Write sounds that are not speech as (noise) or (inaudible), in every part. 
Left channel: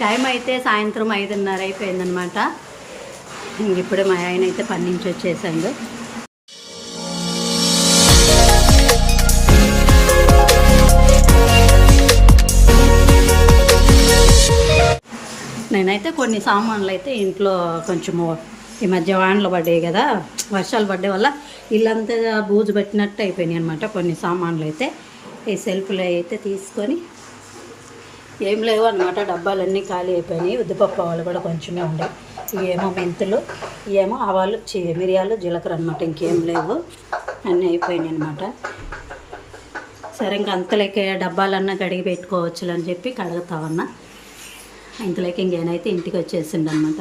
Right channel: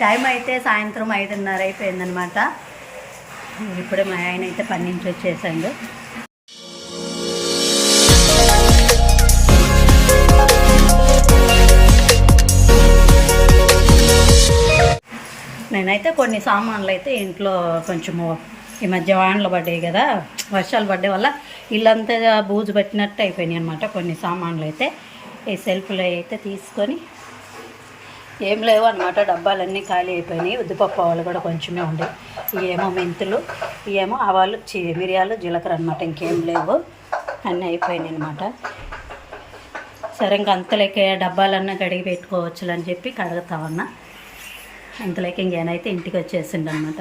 Time అయితే సాయంత్రం ఐదున్నర అయిపోయిందనమాట ఇప్పుడు మా ఆయన అయితే పని నుంచి వచ్చేసాడు నేనైతే కొన్ని సామాన్లు అయితే ఇంట్లో కొంచెము ఈ మధ్య వానలు పడ్డాయి కదా వర్షాలు పడ్డే వల్ల ఇల్లంతా బూజు పట్టినట్టు అయిపోయినాయి అనమాట కొన్ని సామాన్లు అయితే ఈ సెల్ఫ్లో అయితే తీసుకొని ఏం లేవు అనమాట డబ్బాలన్నీ ఖాళీ అయిపోయినాయి. ఉద్దిపప్పు ఆవాలు కూడా కొంచెమే ఉండే. ఏమో మెంతులు ఏమో ఆవాలు చి మిరియాలు జీలకర్ర అనమాట ఇంకేం లేవు. అన్నీ అయిపోయినాయి అనమాట సరే ఇంక అంతలోకి డబ్బాలన్నా కడిగి పెట్టుకోవచ్చు అని చెప్పి కడుగుతామన్నా అంతలోకి ఇంకేనైతే ఇంటికి వచ్చేసిండు అనమాట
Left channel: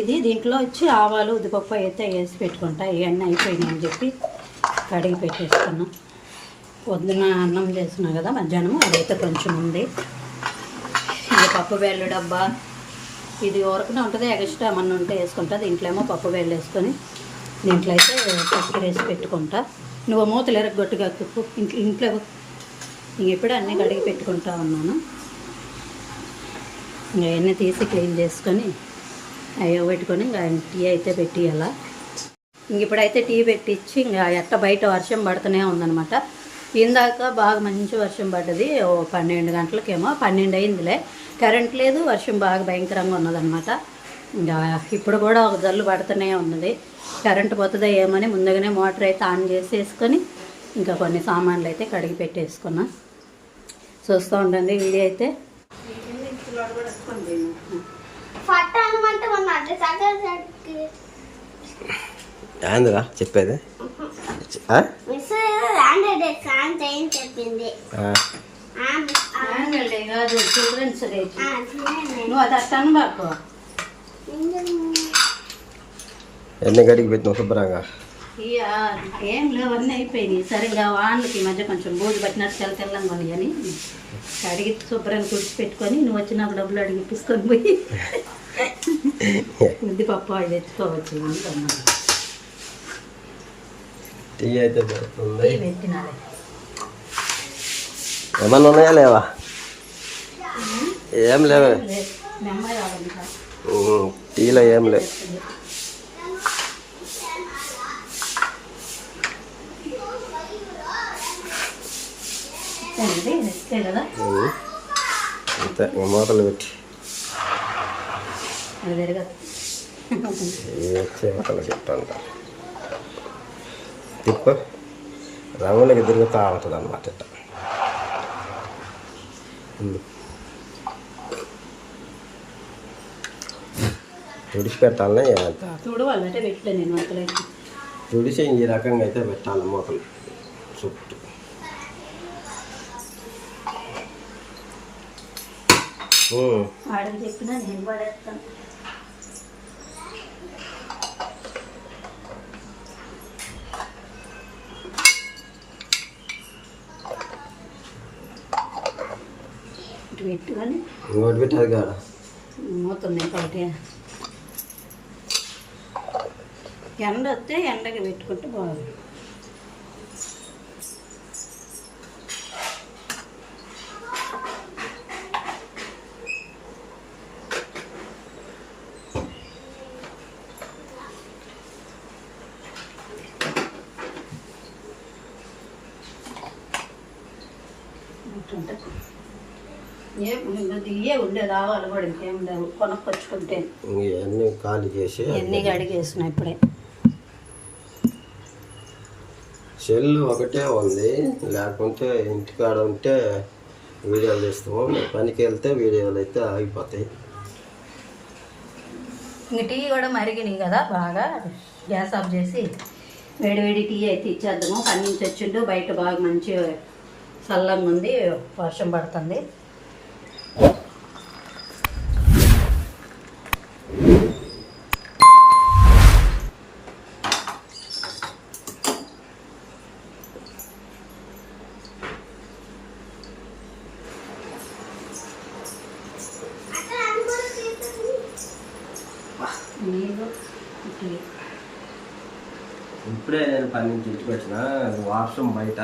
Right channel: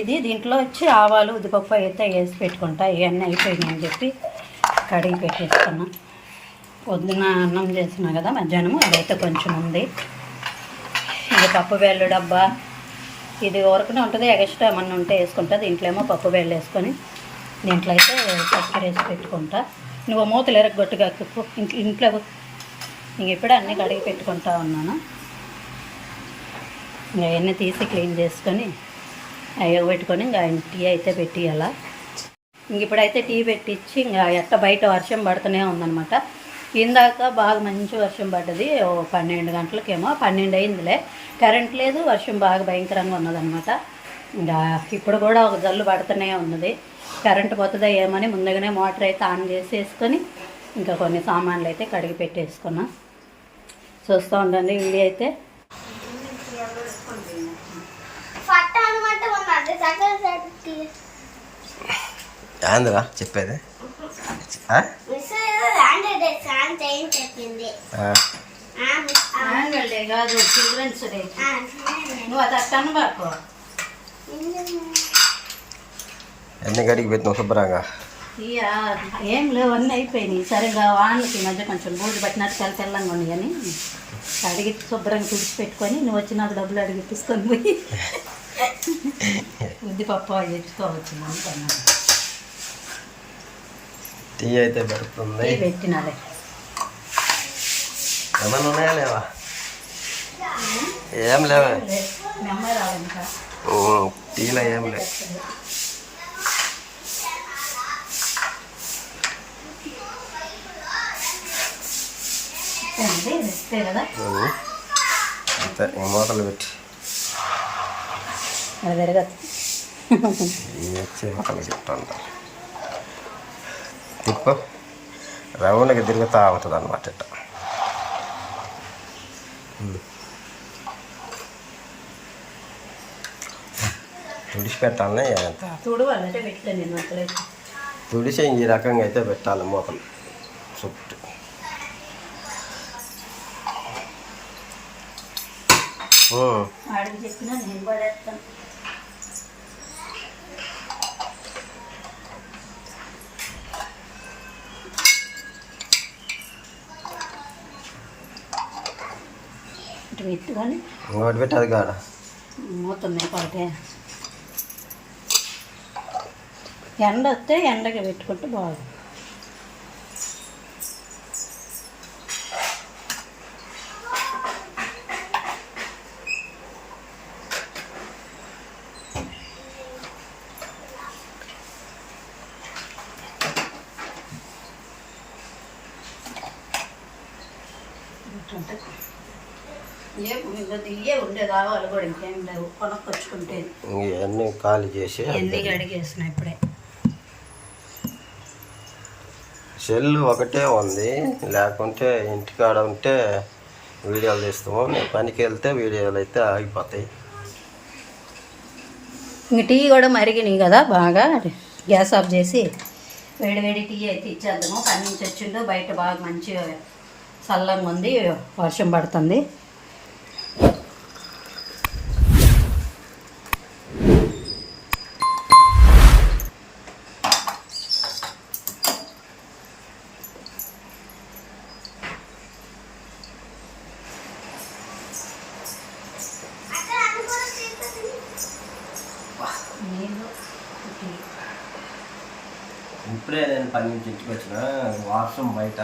ఇది దీంట్లో వచ్చి ఆవాలు ఉద్దిపప్పు అయితే వేసి పెట్టుకుంటా. ఇవన్నీ అయిపోయినాయి అని చెప్పి కడిగి పెట్టేసుకున్నాం. పొద్దున అన్నం చేసినా కదా మధ్యాహ్నం అదైతే కొంచెం ఉంది. ఇది పప్పు వేళ్ళు డబ్బా ఇది వరకునే ఉంటుంది ఎగస్ట్రా ఏమన్నా ఉంటే వేసుకుంటా దీంట్లో ఏమో పప్పు వేళ్ళు వేసుకొని దీంట్లో అయితే చక్కెర వేసి పెట్టుకుంటా. నువ్వు మూతలు ఎరగొట్టుగా ఇంట్లో ఇంట్లో ఇంక ఇప్పుడు అన్నీ కడిగి పెట్టుకుంటా ఉన్నాను. ఇంకా అవన్నీ తీసి క్లీన్ చేసుకొని అవి పెట్టుకొని ఇంకా టీ అయితే పెట్టియాల ఇంక ఇప్పుడైతే టీ పెట్టించి ఇంకా ఎట్ట బయట వర్షం పడుతూనే ఉందనమాట ఇందాక బాగా మంచి వర్షం పడ్డది ఓ పన్నెండు గంటలకేమో పన్నెండు అయిందిలే. కరెంట్ లేదు వర్షం బాగా భయంకరంగా ఉన్నదనమాట ఇంకా ఇప్పుడు కూడా ఒక జల్లు పడుతూనే ఉన్నది. కరెంట్ పోతుందా ఏమని ముందుగానే మోటార్ అయితే ఆన్ చేసేసుకొని ఇంకా కొన్ని సామాన్లు అయితే కడిగి పెట్టేసుకున్నా. చూస్తూ ఉండండి వీడియో అయితే. పట్ట అనమాట ఉన్నది యాన్యువల్ డే కాదు చిల్డ్రన్స్ డే. నువ్వు అది అట్టను ఎన్ని గడికి పెట్టినావు శుభ్రంగా? ఏం లేవు అన్నీ అయిపోయినాయి. సరిగా ఈ మధ్య కొంచెం బూజు పట్టినట్టు తెల్ల తెల్లంగా ఉన్నాయి అని అడిగి శుభ్రంగా కుడిచి పెట్టుకొని నువ్వు వచ్చి నాకు డబ్బులు అడిగి ఇప్పించుకొని పోయి (laughs) ఉద్దిపప్పు అవి తెచ్చుకోవచ్చు అనుకున్నాను టీ అయితే పెడుతుంది. ఏమన్నా ఉన్నాయా లేవా? ఏం లేవే. టీలో ఏం లేవు. అంతే మూతలు పెట్టి. ఏ మూతలు పెట్టంట తిప్పు రౌండ్కి తిరుగుతూ ఉంటుంది అనమాట ఇట్ట ఉమ్. తుడిచి ఈ రకంగా అయితే పెట్టాలి మూతలు. చుట్టూ. చెప్పినా నేను ఇంకోటి పెట్టాది కాడ మూతుంది ఒకటే ఎండ వస్తే ఎండకి పెట్టుకుంటే బాగుంది. ఉండదు ఇవే ఉండేది ఆవాలు కూడా ఇంకేం లేవు. కొనుక్కొచ్చుకుంటే. ఇవన్నీ ఖాళీ చేసి ఎన్ని కడిగేసిన ఇప్పుడే. సెల్ ఒకటే ఉంది. లేకుంటే ఇంటికాడ ఉంటే వీడియోలు తీస్తాము. నేను పనికి వెళ్తే వీడియోలు అయితే ఆగిపోతాయి. ఇంక టీ కూడా మరిగినాయి కదా బాగా. గ్యాస్ ఆఫ్ చేసి వేడి వేడి టీ అయితే ఇచ్చేద్దాము. పని నుంచి వచ్చిండు. బయట బాగా మంచి చల్లంగా ఉంది. వర్షం పడుతుంది. ఇప్పుడే నేను పని నుంచి ఇంటికి వచ్చిన వాష్రూమ్ బయట.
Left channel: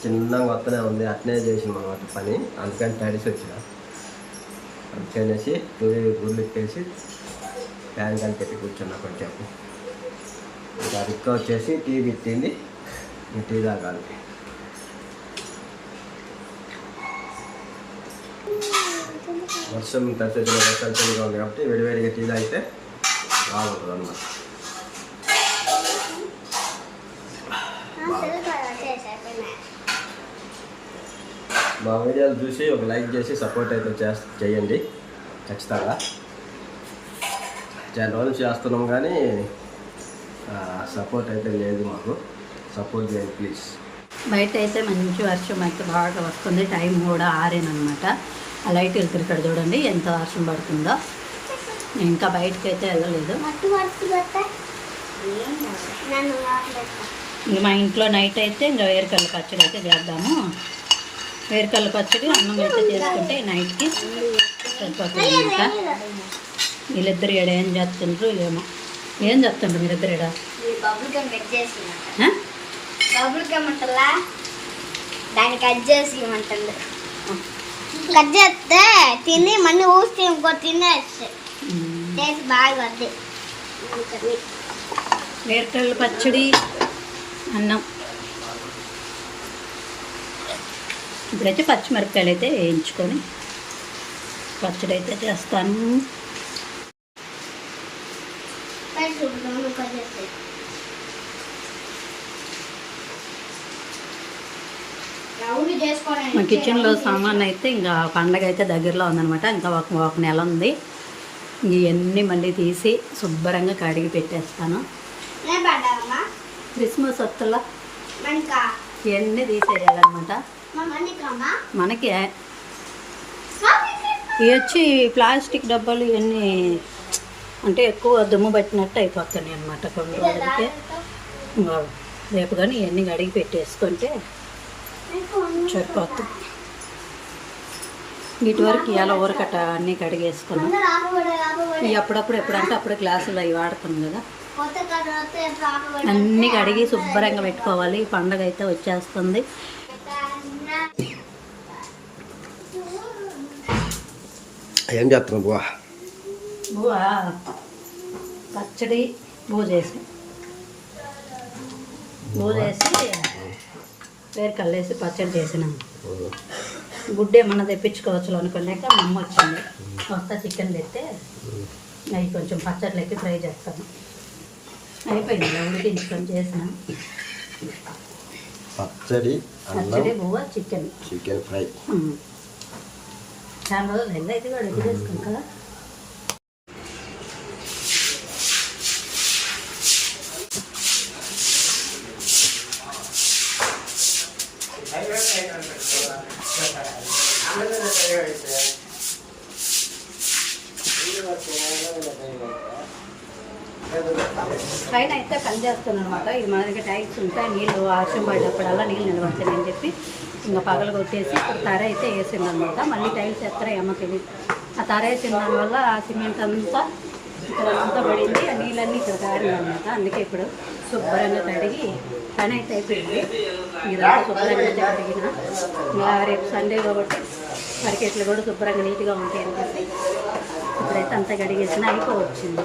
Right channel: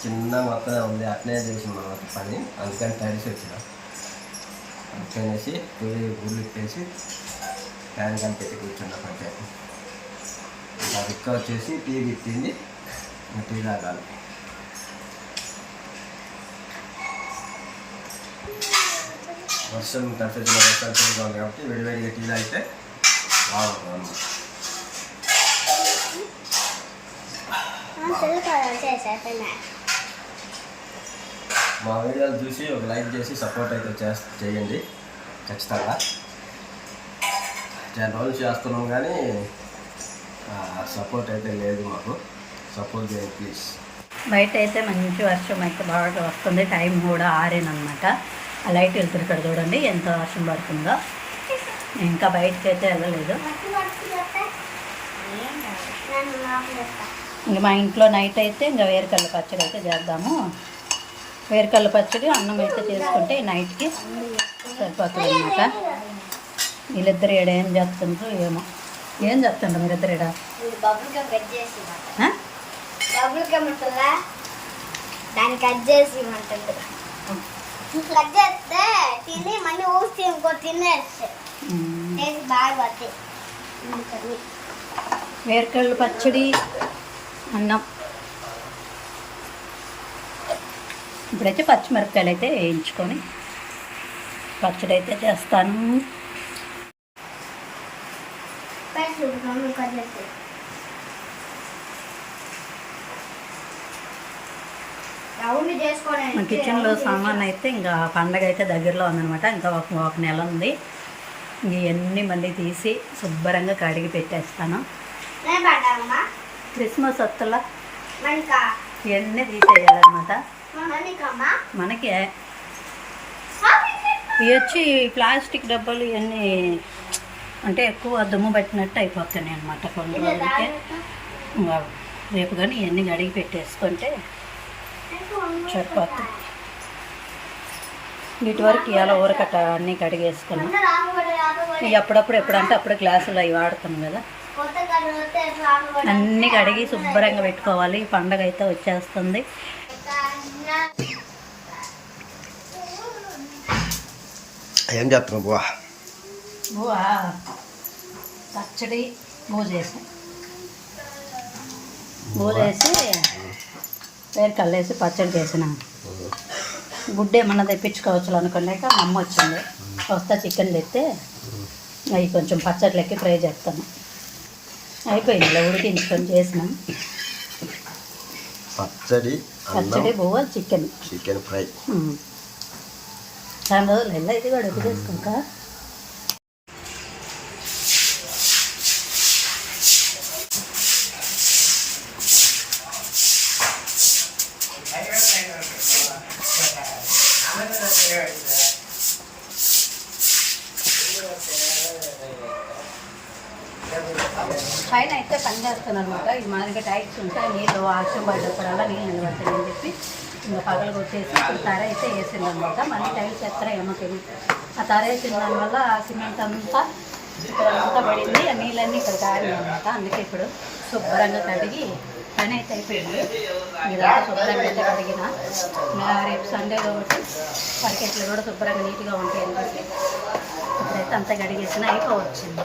చిన్నగా వస్తూనే ఉంది అట్నే చేసింది అనమాట పని. అందుకని తడిసి వచ్చిన. అందుకనేసి తొలి గుళ్ళు వేసి ఫ్యాన్ కానీ పెట్టి కూర్చున్నా కొంచెం. ఇంకా రిక్క వచ్చేసి టీ పెట్టింది ఇంకా టీ తాగాలి. వర్షం తడిసిన వర్షాలు చలిగా ఉంది కాబట్టి వేడివేడిగా టీ తాగితే బాగుంటుంది అనమాట మా వీడియోలు చూసి ఒక లైక్ చేసి సపోర్ట్ అయితే చేస్ చేయండి. ఖచ్చితంగా. చాలా రోజులు చేస్తున్నాం కానీ సపోర్ట్ అయితే లేదు మాకు. సపోర్ట్ చేయండి ప్లీజ్. బయట అయితే మంచి వర్షం అయితే బాగా వస్తుంది. టైం కూడా ఆరేనమాట ఆ లైట్ వెళ్తారు ఇక్కడ చూడండి ఎంత వర్షం పడుతుందో. నేను ఇంకా బయటకు అయితే వెళ్ళలేదు ఇంక మా ఇంట్లో నైట్ అయితే ఇంకా వేరుకల్ల పచ్చడి అయితే చేద్దాము. వేరుకల్ల పచ్చడి అన్నం అయితే చేసుకుంటే నైట్కి సరిపోతుంది అనమాట వీళ్ళిద్దరు ఈడ ఏం చేస్తుండ్రు ఏమో. ఏం చేస్తుండ్రు మీరిద్దరు ఉంటుందా? దాన్ని కట్ చేసి ఇవ్వమంటుంది కట్ చేస్తే తిని మళ్ళీ ఊసి ఇంకో తినేస్తే బాగా పడుతుంది వేరుకల్ల పచ్చడి అన్నం. ఇప్పుడైతే పచ్చిమిరపకాయలు అయితే వేయించుకొని పచ్చడి అయితే చేస్తాను. మా కిచెన్లో సామాన్ అయితే ఇంకా పండగ అయితే దగ్గరలో ఉందనమాట ఇంకా ఒక ఒక నెల ఉంది. ఇవన్నీ మళ్ళీ తీసి శుభ్రంగా కడిగి పెట్టేస్తాను. క్రిస్మస్ మణికా ఇవన్నీ తీసేయాలన్నమాట. మనకి ఇవి వచ్చి ప్లాస్టిక్ డబ్బాలు ఇవన్నీ అంటే ఎక్కువ దుమ్ము పట్టినట్టు అయిపోతున్నాయి అనమాట కొన్ని రోజులకే. రేపు కానీ ఇవన్నీ కడిగి పెట్టేసుకుంటే సరిపోతుంది వీటి వరకు ఇవాళ ఊరకట్ట అన్నీ కడిగేసుకున్నాం. ఇవి అప్పుడప్పుడు ఎప్పుడంటే అప్పుడు గ్లాసులు అవి వాడతాం కదా. అన్నీ కడిగి శుభ్రంగా పెట్టుకోవాలి. ఈ పండగ అయితే వచ్చేస్తుంది. ఏం చేస్తున్నావు బువా? బువా పచ్చడి బూజేసి బూజేసి వేరు కల్లేసి పచ్చడి చేసినాను గుడ్డ ఏమన్నా తెప్పించుకోవచ్చు అనుకోలేక మా అమ్మ వచ్చింది. వస్తా చికెన్ తెస్తే అవి కొంచెం పచ్చట్లెక్కి ఫ్రై చేస్తాను. అయిపోయింది. ఇలా ఉడికించుకొని చేసినాం. పచ్చడి అన్నం పచ్చడి బువ్వ చికెన్. Chicken fry. చాలా రోజులు ఎలా ఇది కూడా వదిలేసుకుంటా పైన అయితే పని చేస్తాను అనమాట ఇది మాదిరిగా ట్యాక్స్ ఉంటాయి నీళ్ళు వర్షం పడ్డప్పుడల్లా నీళ్ళు నిలబడతాయి అని చెప్పి ఇంకా పగలకు వచ్చేసి ఇప్పుడు తర అయితే వేసింది అనమాట మళ్ళీ టైల్స్ ఎత్తరా ఏమో తెలియదు ఆ తర వేసిన దానివల్ల ఆ సిమెంట్ అంతా ఇక్కడ అంతా పడింది. ఆ నీళ్ళన్నీ ఇక్కడ కారినాయి అనమాట అందుకే ఇప్పుడు శుభ్రంగా కడిగి పని అయితే అయిపోయింది. ఇదంతా శుభ్రంగా అయితే కడిగిన. ఇంకా రేపు సండే కాబట్టి పరికెట్లు కూడా శుభ్రంగా నీట్గా ఉంటాయి చెప్పి ఇప్పుడైతే అంతా కడిగేసిన అయిపోవచ్చింది.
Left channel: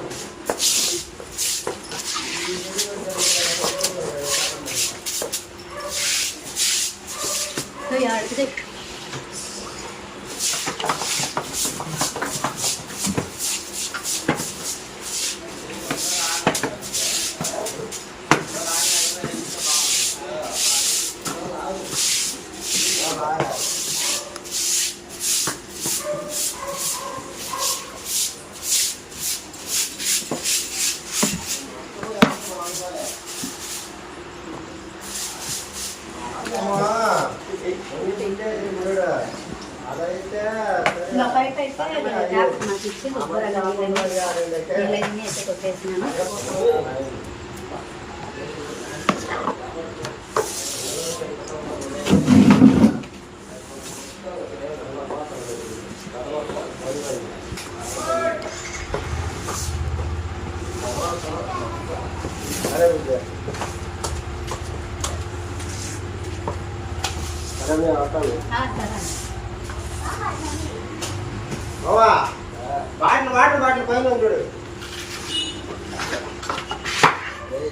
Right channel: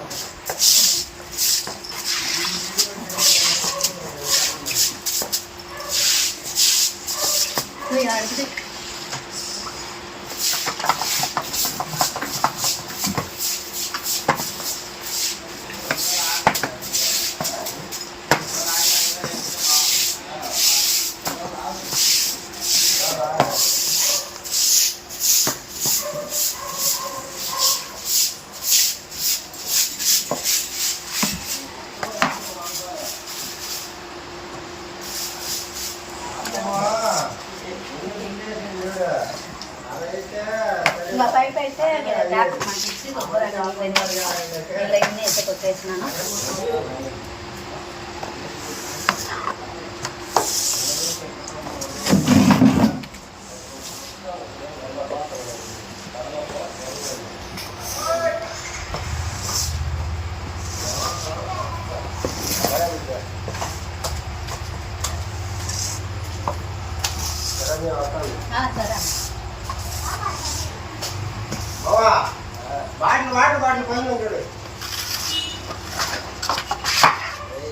పైప్ అయితే ట్యాప్ మాకు ఇచ్చి శుభ్రంగా నీళ్ళని నీళ్ళన్నీ అయితే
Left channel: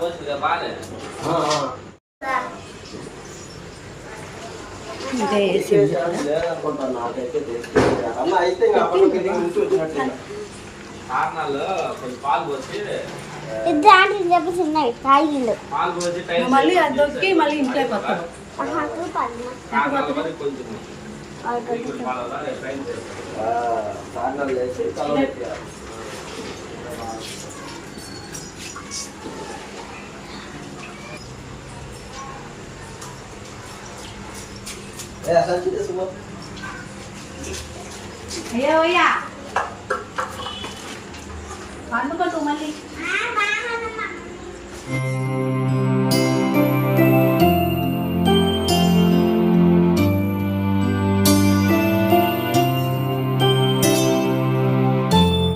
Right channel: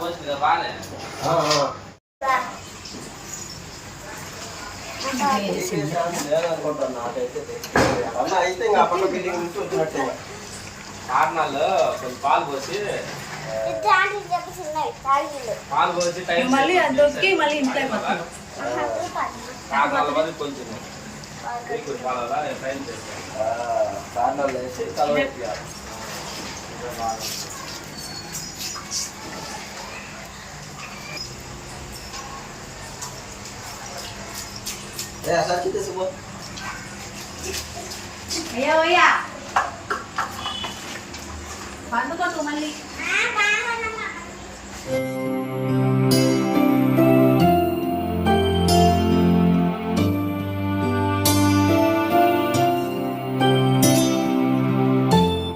తెలియదు. అన్న అయితే ఇంకా పక్క బిల్డింగ్ ఉంటుంటున్నట్టే కారణాలు కొంచెం పాలు పోసి ఇద్దరు ఆంటీ చెప్పేసి ఉన్నాయి తాగిండు పాలు పోసి టైం నువ్వు మళ్ళీ అది దొరికి మళ్ళీ ఇంట్లోకి వస్తావు మహాత్మ పాలన కారణాల వరకు కొంచెం మీకు పాలు రా, రేపు ట్రైన్ చేస్తాం. కాండాలు వేసి తలపెట్టి ఏ అసలు తీసుకో అయ్యా అయ్యా అందుకోటు మళ్ళీ ఆ, బాగుందమ్మా.